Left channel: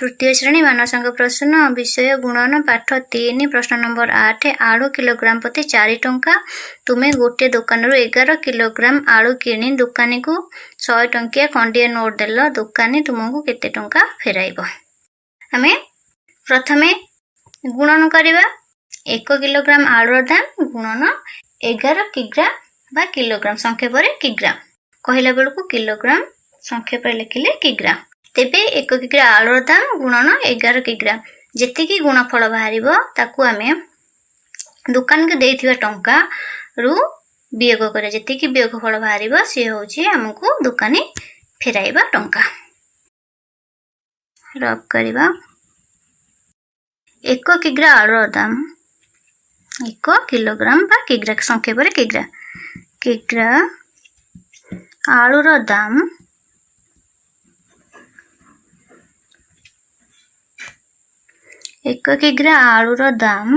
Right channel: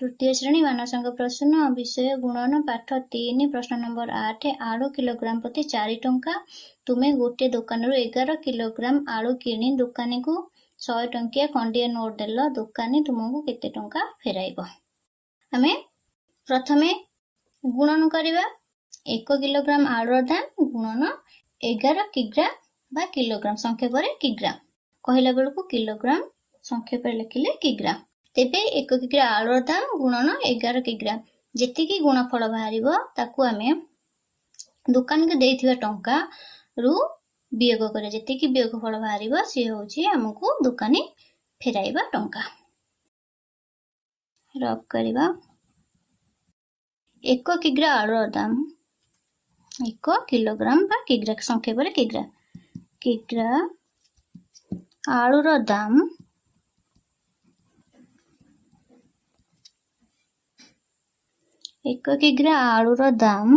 तृतीय श्रेणी मानव संघ प्रश्न विषय गुणन पाठ 3 प्रश्न नंबर 8 आलू किलोग्राम प्रति 4 टंका तुम्हें गोटे दुकान 11 किलोग्राम आलू किणी दुकानी को 100 टंकिया खंडिया नोट देल दुकानी तुमको केते टंका फेराइब। आमे प्रथमे गुणन करवा 1 किलोग्राम आलूर दाम गुणन 11 किग्रा बा किलोग्राम संख्या पर किग्रा कहला बेलू किलोग्राम संख्या पर लिखिले किग्रा। तेबे 1 किग्रा आलूर दाम गुणन 11 किग्रा जेतिकी गुणफल बाहर ताकू आमे दुकान के देथिबा टंका रु वियोग करे जेतिकी वियोगफल बाहर सी होची हमको दुकानी फेराइबा टंका। रब करवा 1 किग्रा आलूर दाम 1 किलोग्राम बा किग्रा संख्या पर किग्रा किग्रा आलूर दाम 1 किग्रा आलूर दाम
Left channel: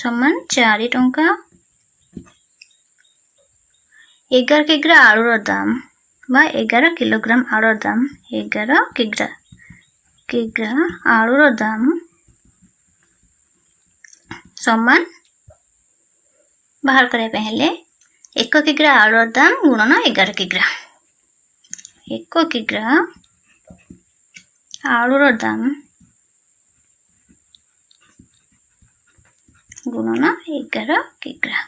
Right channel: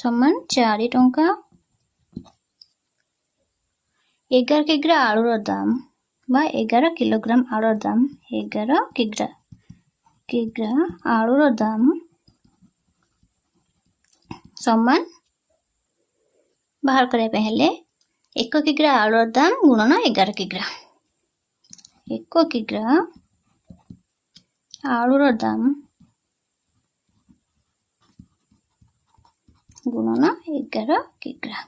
समान 4 टंका 11 किग्रा आलूर दाम बा 11 किलोग्राम आलूर दाम 11 किग्रा किग्रा आलूर दाम समान बाहर करने हेले 1 किग्रा आलूर दाम गुणन 11 किग्रा 1 किग्रा आलूर दाम गुणन 11 किग्रा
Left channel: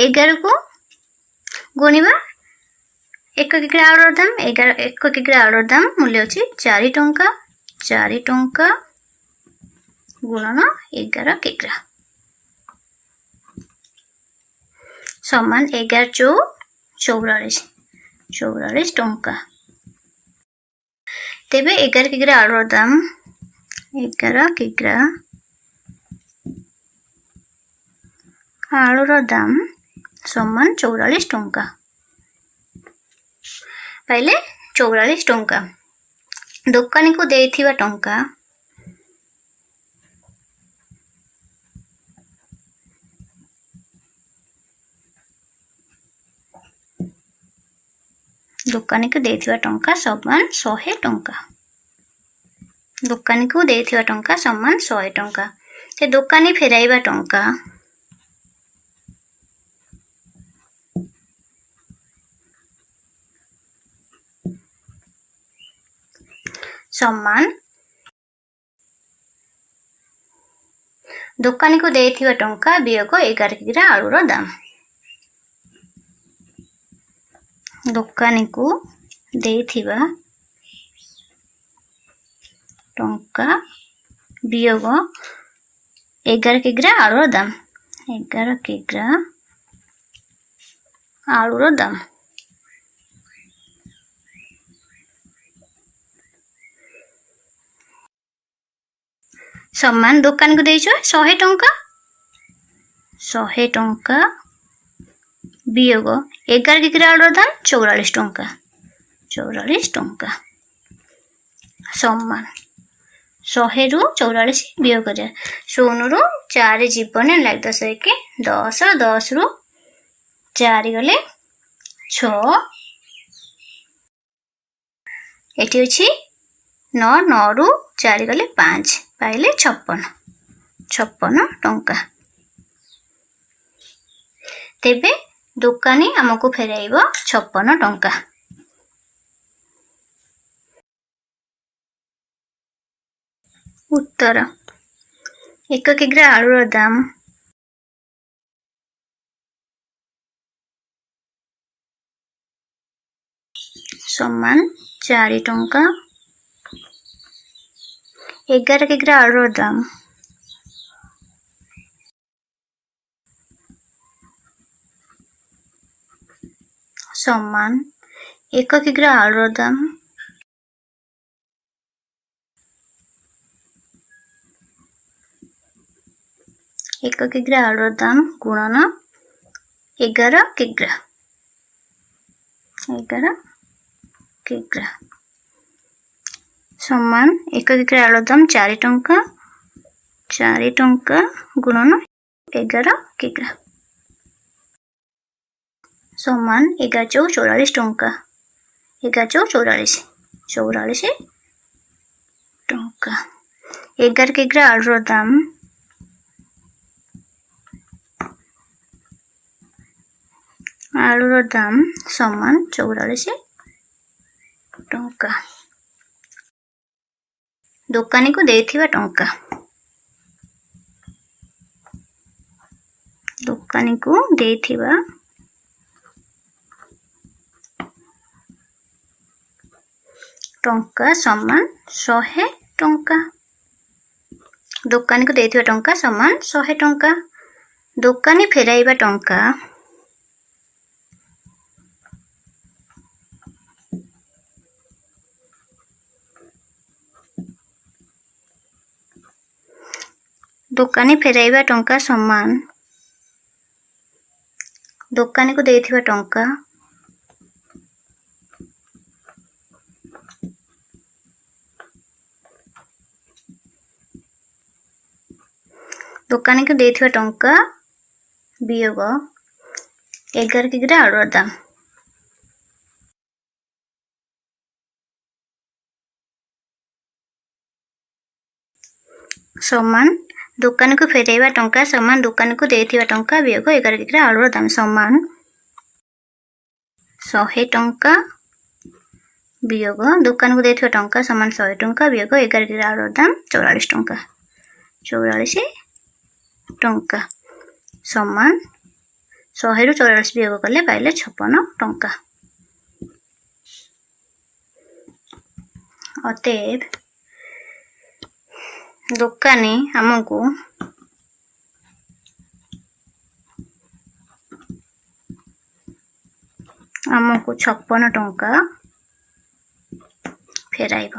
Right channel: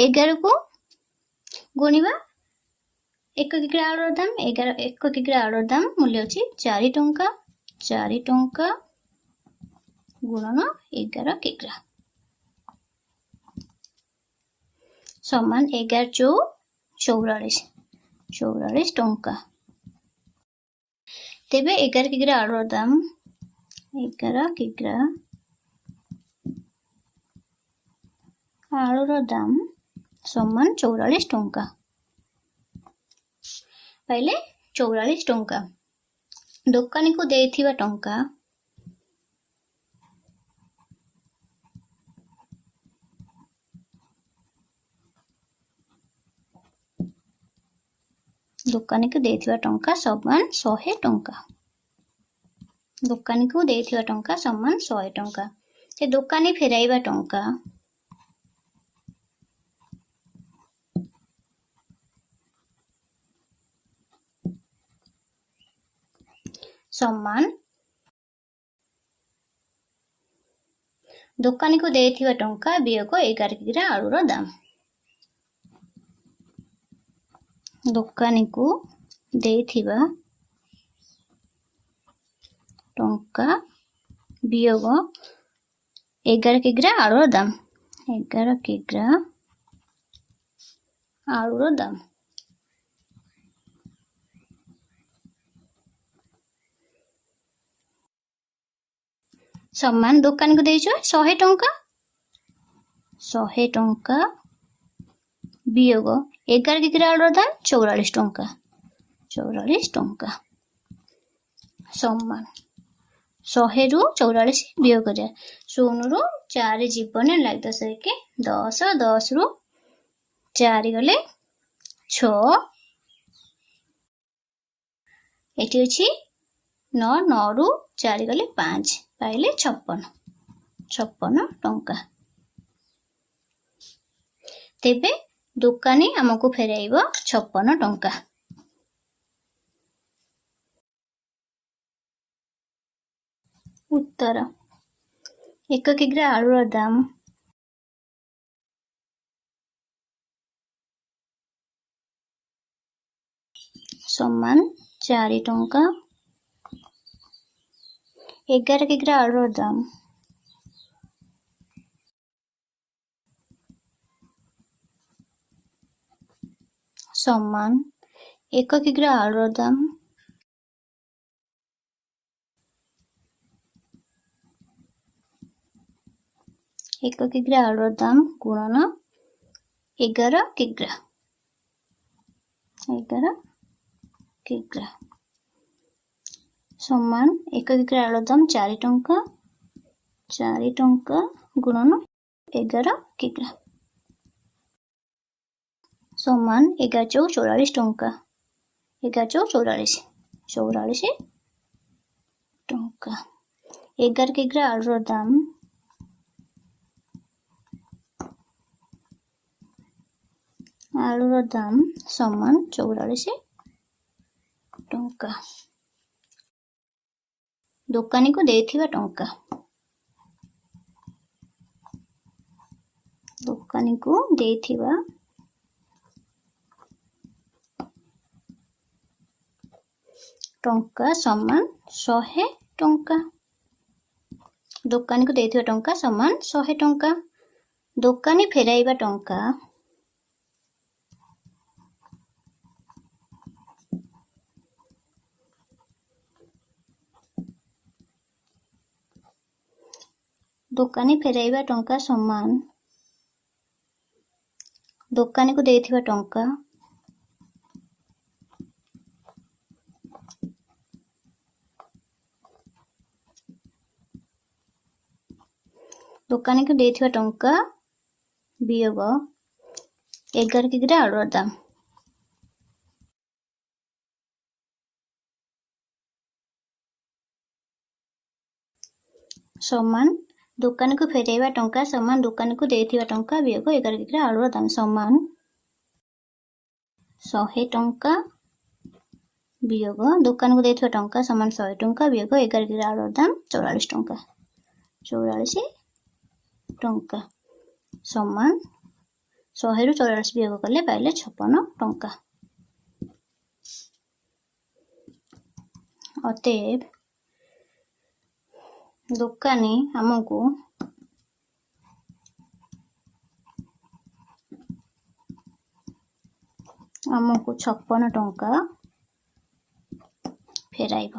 11 को गुणिबा 1 किग्रा आलूर दाम 1 किग्रा आलूर दाम मूल्य अछि 4 टंका गुणन 11 किग्रा समान 11 चौ 44 टंका। तेबे 11 किग्रा आलूर दाम 11 किग्रा आलूर दाम समान 44 टंका पाइले 44 टंका दुकानी को देथिबा टंका दुकानी को देथिबा टंका समान 100 टंका दुकानी को देथिबा टंका समान 100 टंका ते दुकानी फेराइबा टंका समान दुकानी को देथिबा टंका वियोग 11 किग्रा आलूर दाम दुकानी को देथिबा टंका वियोग 11 किग्रा आलूर दाम 11 किग्रा आलूर दाम समान दुकान को देइछो 100 टंका वियोग 11 किग्रा आलूर दाम 44 टंका समान 100 रु 44 वियोग कर 0 रु 4 जीवन लाग 10 1 10 10 रु 4 गले 6 एटी अछि 9 9 रु 4 गले 5 पाइले 56 टंका। तेबे दुकानी हमको फेराइब 56 टंका। उत्तर 1 किग्रा आलूर दाम समान 4 टंका 11 किग्रा आलूर दाम समान 1 किग्रा आलूर दाम 1 किग्रा आलूर दाम गुणन 11 किग्रा समान 1 किग्रा आलूर दाम 4 टंका गुणन 11 किग्रा समान 11 चौ 44 टंका 11 चौ 44 44 टंका। 11 किग्रा आलूर दाम समान 44 टंका। दुकानी को देथिबा टंका दुकानी को देथिबा टंका समान 100 टंका। दुकानी को देथिबा टंका समान 100 टंका। दुकानी फेराइबा टंका दुकानी फेराइबा टंका समान दुकानी को देथिबा टंका दुकानी को देथिबा टंका वियोग 11 किग्रा आलूर दाम समान दुकान को फेराइबा टंका समान दुकान को देथिबा टंका वियोग 11 किग्रा आलूर दाम समान 100 टंका वियोग दुकान को देथिबा टंका समान 100 टंका वियोग 11 किग्रा आलूर दाम 44 टंका 44 टंका समान 100 रु 44 वियोग कले पाइले 56 टंका। अतएव दुकानी हमको 56 टंका फेराइब।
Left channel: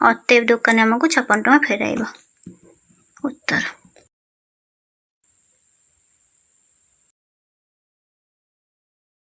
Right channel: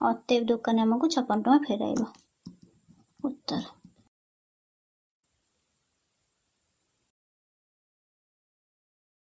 अतएव दुकानी हमको 56 टंका फेराइब। उत्तर।